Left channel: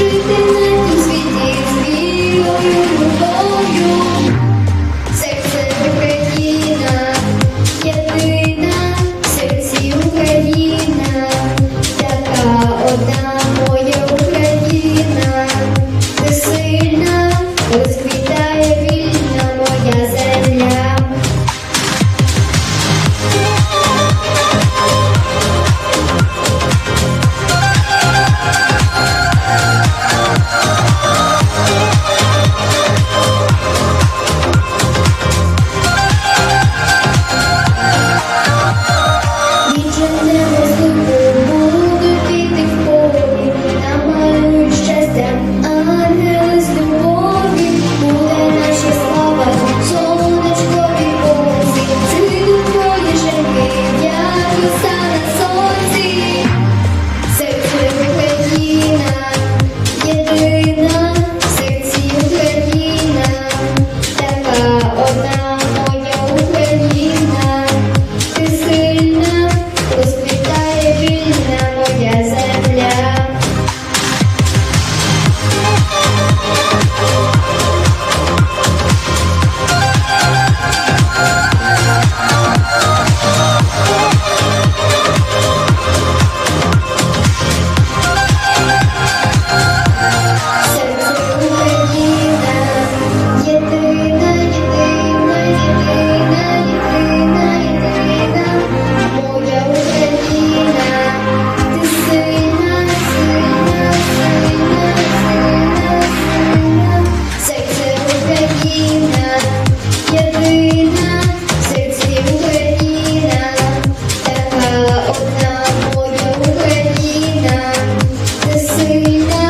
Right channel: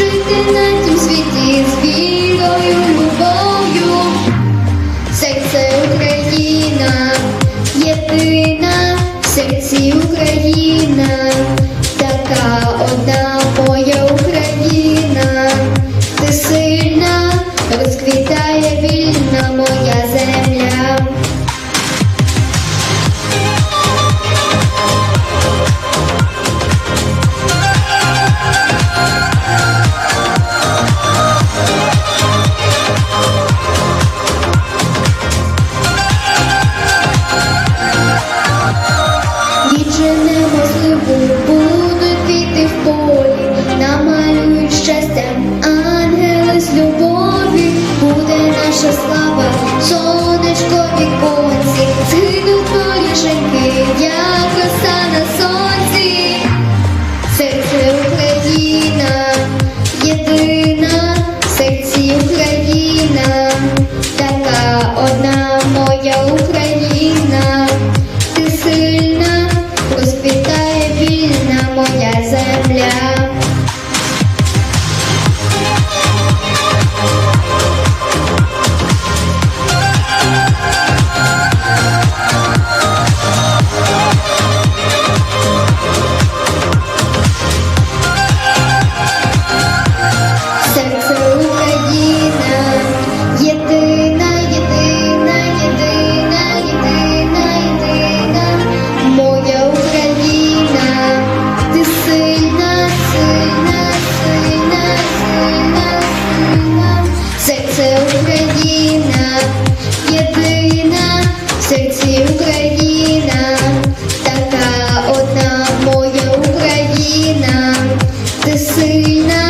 Schütteln ein Fuß, wie dies, wie країна, ти сильна.